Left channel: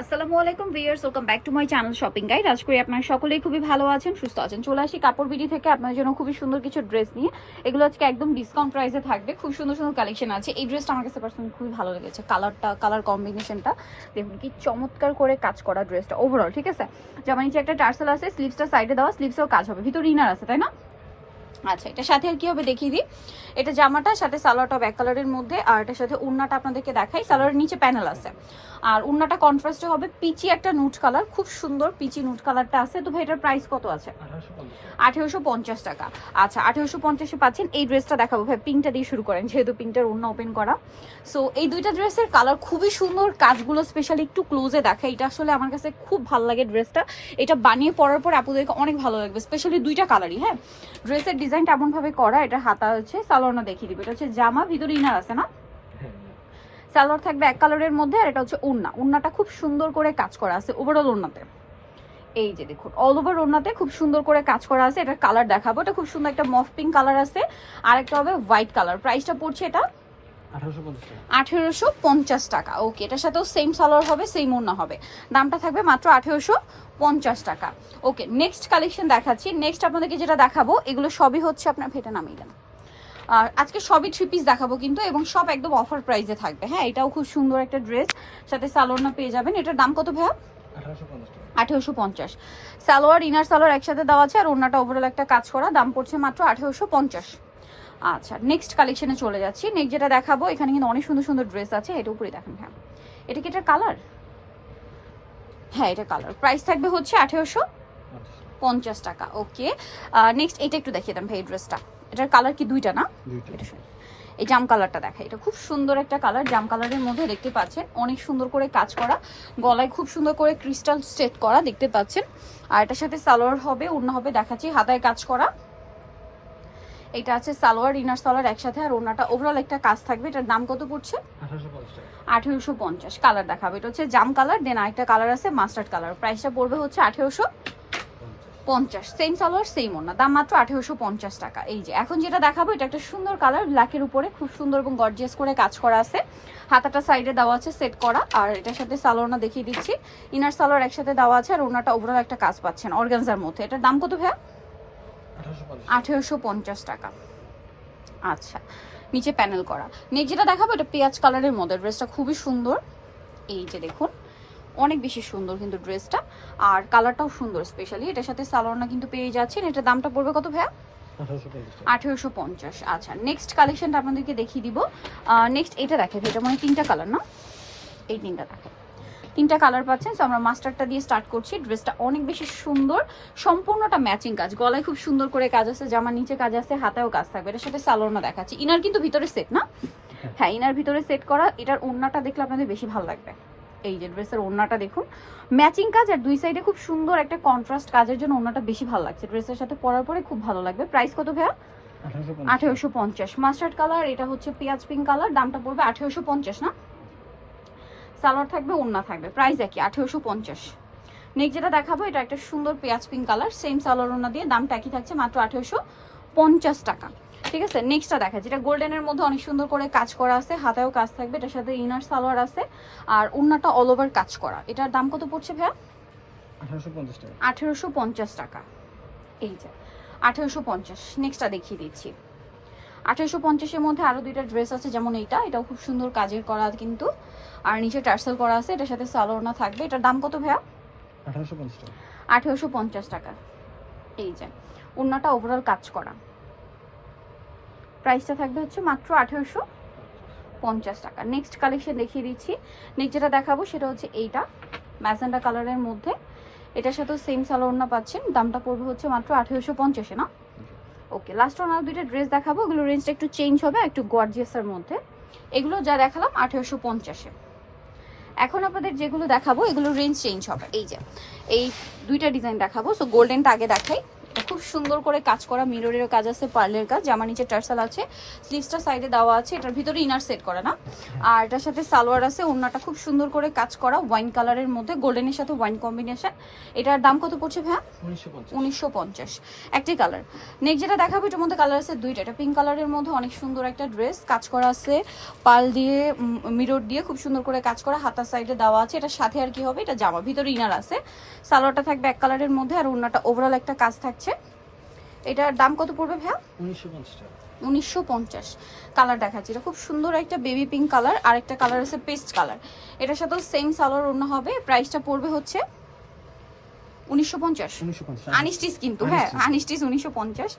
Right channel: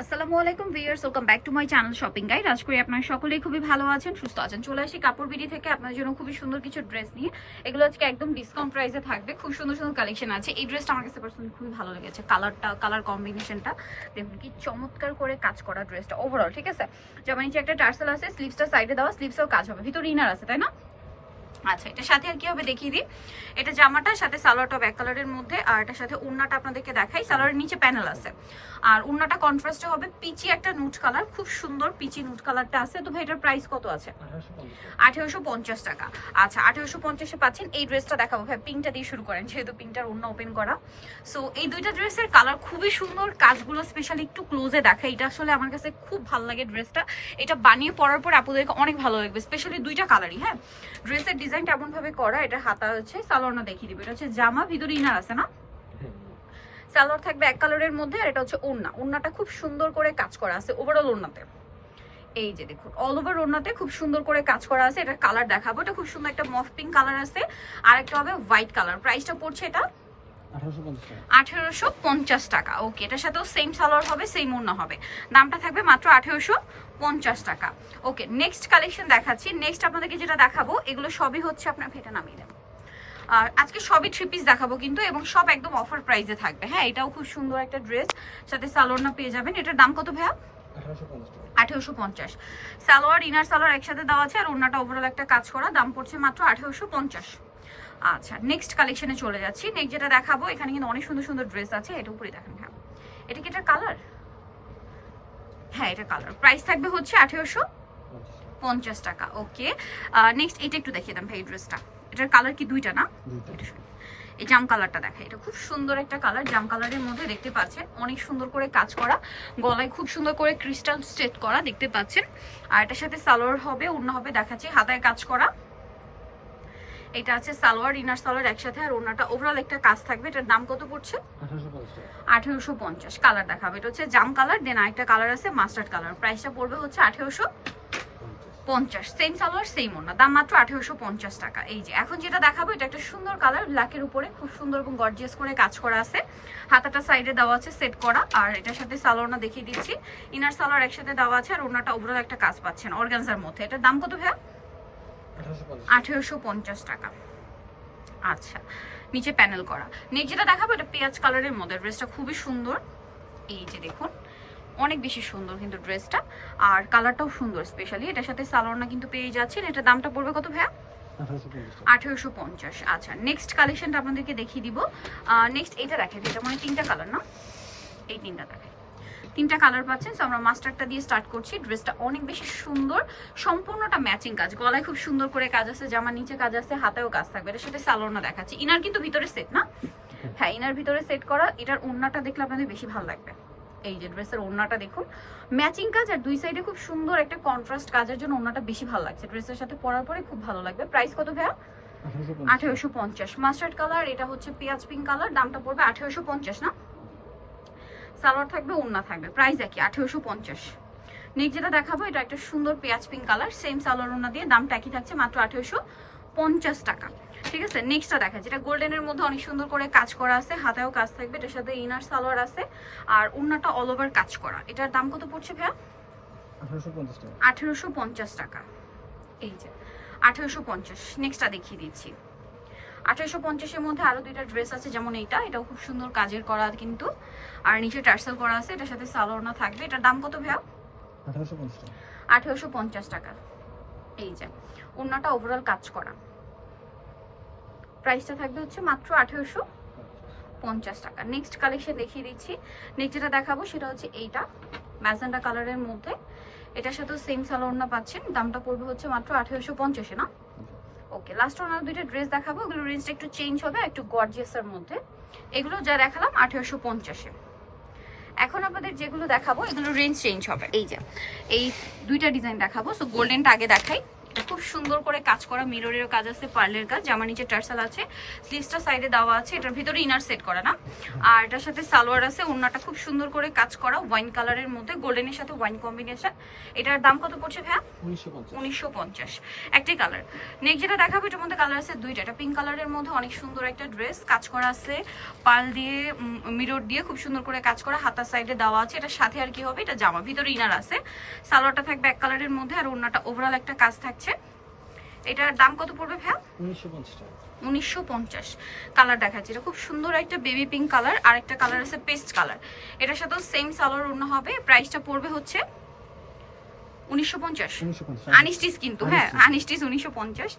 আসসালামু আলাইকুম viewers, welcome back to my channel shopping guide. আজ করি আপনারা সকলেই খুবই ভালো আছেন, সুস্থ আছেন। চলে আসি কাপড় বিডি থেকে আপনার জন্য খুবই সুন্দর কিছু ড্রেস নিয়ে। এগুলো আজকে একদম ডিসকাউন্ট প্রাইসে থাকবে। খুব সুন্দর সুন্দর কালেকশন আছে। এই ড্রেসটা আমার কাছে পার্সোনালি খুবই ভালো লেগেছে। কালার কম্বিনেশনটা দেখুন কি চমৎকার করে কাজ করা ড্রেসটা ওভারঅল। ঠিক আছে, জামা নিচে একটা টার্সেল আছে, স্লিভসটা সাইডে দেওয়া, স্লিভসেও কাজ হবে, ভিতরে ইনার আছে, তাই না? আচ্ছা, এটা সাথে আর কি হবে দেখিয়ে দিই। এটা জামাটা সাথে সালোয়ারটা ব্যাক কালারের মধ্যে, আর এটার সাথে উন্নাটা আপনাদেরকে দেখাই। সালোয়ারের নিচে প্যানেল আছে, আর উন্নাটা কন্ট্রাস্টে হবে পিচি একটা নুট কালার, খুব সুন্দর পিচি নুট কালারটা আছে। তো ভাই এটার প্রাইস কত আছে? 1850 টাকা। আচ্ছা, 1850-এ পাচ্ছেন। এই ড্রেসটা দেখাবো ভাই, পিঙ্কটা দিয়ে শুরু করেন যেহেতু পিঙ্কটার উন্না ওপেন করা। সো এই দুইটা ড্রেসের কালার খুবই সুন্দর, কাজগুলো স্পেশালি একটু ক্লোজে দেখা। এটা আসলে আমার কাছে খুব ভালো লাগে ড্রেসটা। এটা বানিয়ে পরার পর আপনাদেরকে অনেক ভালো লাগবে, স্পেশালি দুইটা কালারই। হ্যাঁ, ড্রেসের ডিজাইনটা এমন ভাবে করা, এটা হাতা হচ্ছে, সালোয়ারটা দেখিয়ে দিবে। এটা হচ্ছে জামা, ভিতরে ইনার আছে না? সালোয়ার থাকবে এক কালারের মধ্যে, আর এটা হচ্ছে উন্না। উন্নাটা খুব সুন্দর করে কাজ করা আছে ওভারঅল উন্নাতে। এই যে দেখুন, অল ওভার ওড়নাতে খুব সুন্দর করে কাজ করা আছে। এটার কালার দেখাবো। এটা খুব সুন্দর একটা মফ পিঙ্ক কালার আছে, আর একটা হবে হোয়াইট কালার। প্রাইসটা পড়ছে এটা 1850 টাকা। ওকে, এটার সাথেও সেম সালোয়ার হবে, সেম ওড়না হবে। দামটা থাকবে মাত্র 1850 টাকা। ওকে, নেক্সট কালেকশন দেখাচ্ছি। নেক্সট আপনাদেরকে যেটা দেখাবো, এগুলো সবই হচ্ছে আপনার ভেটা নামিয়ে দেন। আর আজকে সবই 3 পিস দেখাবো কিন্তু, এবং সব একদম অফার প্রাইসে থাকবে। হ্যাঁ, এটাও খুব সুন্দর একটা ড্রেস, সাথে সালোয়ারটা পেয়ে যাবেন। এটার দাম কত ভাইয়া? 1850। সালোয়ার ইনার সালোয়ার একসাথে দেওয়া আছে, আর ওড়নাটা ওভারঅল একটা কাজ করা। দাম পড়ছে মাত্র 1850। আচ্ছা, নেক্সট কালেকশনে চলে যাচ্ছি। নেক্সট যেটা দেখাবো, এখানে কিন্তু অনেক সুন্দর সুন্দর ড্রেস আছে। এটা উপরে দেখেন। হ্যাঁ, এটা কি এটার কালার? হ্যাঁ, এটা কালার। প্রাইস থাকবে হচ্ছে 1850 টাকা। ওকে, নেক্সট এটা একটু দেখিয়ে দেন ভাই। এই ড্রেসটা, এটার কালার কি দুইটা না? এই জাম কালারটা দেখা, এটা খুব সুন্দর একটা কালার। জাম কালারের মধ্যে দেখতে পাচ্ছেন অনেক সুন্দর করে কাজ করা, গলায় খুব সুন্দর করে ক্রিস্টাল স্টেট করা দেখতে পাচ্ছেন। আর এটার সাথে সালোয়ার হবে, ওড়না হবে, দেখাচ্ছি, হাতায় কাজ করা। এটা আছে সালোয়ার ইনার সালোয়ার একসাথে, আর ওড়নাটা ওভারঅল একটা কাজ থাকবে। এটার দাম কত পড়ছে? 1850। কালার দেখাবে, এটা হচ্ছে জাম কালার, দেন আরেকটা কালার আছে মাস্টার্ড কালার। প্রাইসটা পড়বে হচ্ছে 1850। সেম সালোয়ার সেম ওড়না, দাম মাত্র 1850 টাকা। এই যে এখন যেটা দেখাবো, এটা একটা সুন্দর কালার, ব্ল্যাকের উপরে খুব সুন্দর এবং গর্জিয়াস করে কাজ করা আছে। হাতাটা সাইডে দেওয়া আছে সেট করা, আর এটার সাথে সালোয়ারটা দেখিয়ে দিচ্ছি। ইনার সালোয়ার একসাথে দেওয়া আছে, আর ওড়নাটা ওভারঅল একটা কাজ পাচ্ছেন অর্গানজার মধ্যে। এটার দাম কত ভাইয়া? 1850 টাকা। আচ্ছা, নিচে প্যানেল করা। নেক্সট যেটা দেখাবো, এটা পেঁয়াজ কালারের মধ্যে। ড্রেসটা খুবই সুন্দর, এই যে দেখুন, অনেক বেশি সুন্দর কিন্তু ড্রেসটা, আর কালারটাও সুন্দর। স্পেশালি এটার সাথে সালোয়ারটা কিন্তু পেয়ে যাচ্ছেন। এটার দামটা পড়বে কত ভাইয়া? 1850। আচ্ছা, নেক্সট কালেকশনটা আপনাদেরকে দেখিয়ে দিব। নেক্সট এটা দেখেন, এটা মানে তিনটা কালার না? এই তিনটা দেখেন, তিনটা কালার পাচ্ছেন। সো আমরা মাস্টারটা দিয়ে স্টার্ট করছি। ড্রেসটা অনেক বেশি সুন্দর, সম্পূর্ণটা ম্যাচিং কাজ। গলায় খুব সুন্দর করে কাজ আছে, জামার নিচে কাজ আছে, হাতেও কাজ থাকবে। এটার সাথে সালোয়ারটা দেখাচ্ছি। ইনার কিন্তু ভিতরে সেট না? হ্যাঁ, ইনার ভিতরে সেট করা। এটার ওড়নাটা দেখলে আপনাদের বেশি ভালো লাগবে। এই যে ড্রেসের ওড়নাটা দেখুন, ম্যাচিং কাজ, আর দুই সাইডে খুব সুন্দর একটা কন্ট্রাস্ট কাজের জন্য ওড়নাটা বেশি ভালো লাগছে। ড্রেসের সাথে পরার পরে খুব ভালো লাগবে। প্রাইস কত ভাইয়া? 1850। মাস্টার্ড কালার, এটা হচ্ছে পেঁয়াজ পিঙ্ক কালার। দামটা পড়বে 1850 না? সালোয়ার থাকবে, ওড়না থাকবে, প্রাইস একই 1850। নেক্সট যেটা দেখাবো, এটা একটা সুন্দর পেঁয়াজ পিঙ্ক কালার, সেম সালোয়ার ওড়না দিয়ে, দামটা একই থাকছে মাত্র 1850 টাকা। ঠিক আছে, নেক্সটটা দেখা, যেটা গোল্ডেনের মধ্যে অনেক সুন্দর করে কাজ করা আছে, হাতায়ও কাজ থাকবে। এটার সাথে ইনার সালোয়ার আছে, আর ওড়নাটা অল ওভার কাজ করা। এটার দাম কত পড়ছে ভাইয়া? 1850 টাকা। এই যে 1850। নেক্সটটা দেখিয়ে দিচ্ছি। 1850-এর মধ্যে আরো দুইটা ড্রেস আছে, যেমন এটাও খুব সুন্দর কাজের করা কিন্তু, আর নিচে টার্সেল করা আছে। এটার সাথে সালোয়ার থাকবে। এটার দাম কত ভাইয়া? 1850 টাকা। এই যে ওড়নাটা ওভারঅল কাজ করা। প্রাইসটা থাকবে হচ্ছে মাত্র 1850 টাকা। নেক্সট কালেকশন দেখিয়ে দিচ্ছি। নেক্সট যেটা দেখাবো, সেটা হচ্ছে এইটা ম্যাজেন্ডা কালারের মধ্যে। এটার সাথেও সেম সালোয়ার পাচ্ছেন। দামটা পড়বে হচ্ছে মাত্র 1850-এ না? ওকে, লাস্ট ওয়ান আর দুইটা ড্রেস দেখাবো। এগুলো রেঞ্জটা একটু চেঞ্জ হবে, একটু গর্জিয়াসের মধ্যে। এগুলো যা দেখালাম 1850-এ। এখন আপনাদের যেগুলো দেখাবো, এগুলো রেঞ্জ চেঞ্জ হবে। এই যে এই দুইটা ডিজাইন দেখাবো। সো গোল্ডেনটা আগে দেখাই। এটা খুব সুন্দর করে কাজ করা, মিররেরও কাজ আছে, পার্লের কাজ, জামা নিচে টার্সাল আছে, স্লিভসটা সাইডে দেওয়া আছে, এটার ভিতরে ইনার সেট করা না। আর এটার সাথে সালোয়ার আছে, ওড়নাটা খুব সুন্দর করে কাজ করা ওয়াইন কালারের মধ্যে, গোল্ডেনের সাথে ওয়াইন কম্বিনেশন। এটার দাম কত পড়ছে ভাইয়া? 1950। একটাই কালার। নেক্সট যেটা দেখাবো এটার মধ্যে কালার আছে দুইটা। এটা পিঙ্ক কালারের মধ্যে অনেক সুন্দর একটা ড্রেস, কাজ করা আছে পার্ল দিয়ে, মিরর দিয়ে খুব সুন্দর করে কাজ করা, হাতার সাইডে দেওয়া আছে। এটার সাথে আর কি হবে, এটা জামা, ভিতরে ইনার আছে, সালোয়ারটা থাকবে এক কালারের মধ্যে, আর ওড়নাটা ওভারঅল একটা কাজ থাকছে। এটার দাম কত পড়বে ভাইয়া? 1950। কালার দেখাচ্ছি, এটা খুব সুন্দর একটা বেবি পিঙ্ক কালার, আর একটা কালার আছে পেস্ট কালার। এটার সাথেও সেম সালোয়ার ওড়না হবে। প্রাইসটা পড়বে হচ্ছে 1950 আনস্টিচ, কিন্তু হ্যাঁ আনস্টিচ 1950।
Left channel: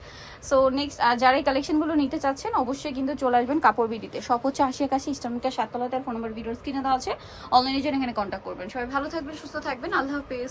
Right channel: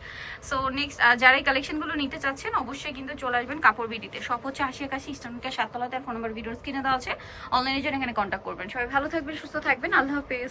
সো নেক্সট যারা এই কালেকশনগুলো নিতে চাচ্ছেন অবশ্যই কিন্তু চলে আসবেন কাপড় বিডিতে। সব হচ্ছে 80 ইস্টার্নকে 7 তলাতে, ফোন নাম্বার ভিডিওস কিনে দেওয়া আছে, অনলাইনে জন্য এখানে কন্ট্যাক্ট করবেন। সবাই ভালো থাকবেন, সুস্থ থাকবেন, আল্লাহ হাফেজ।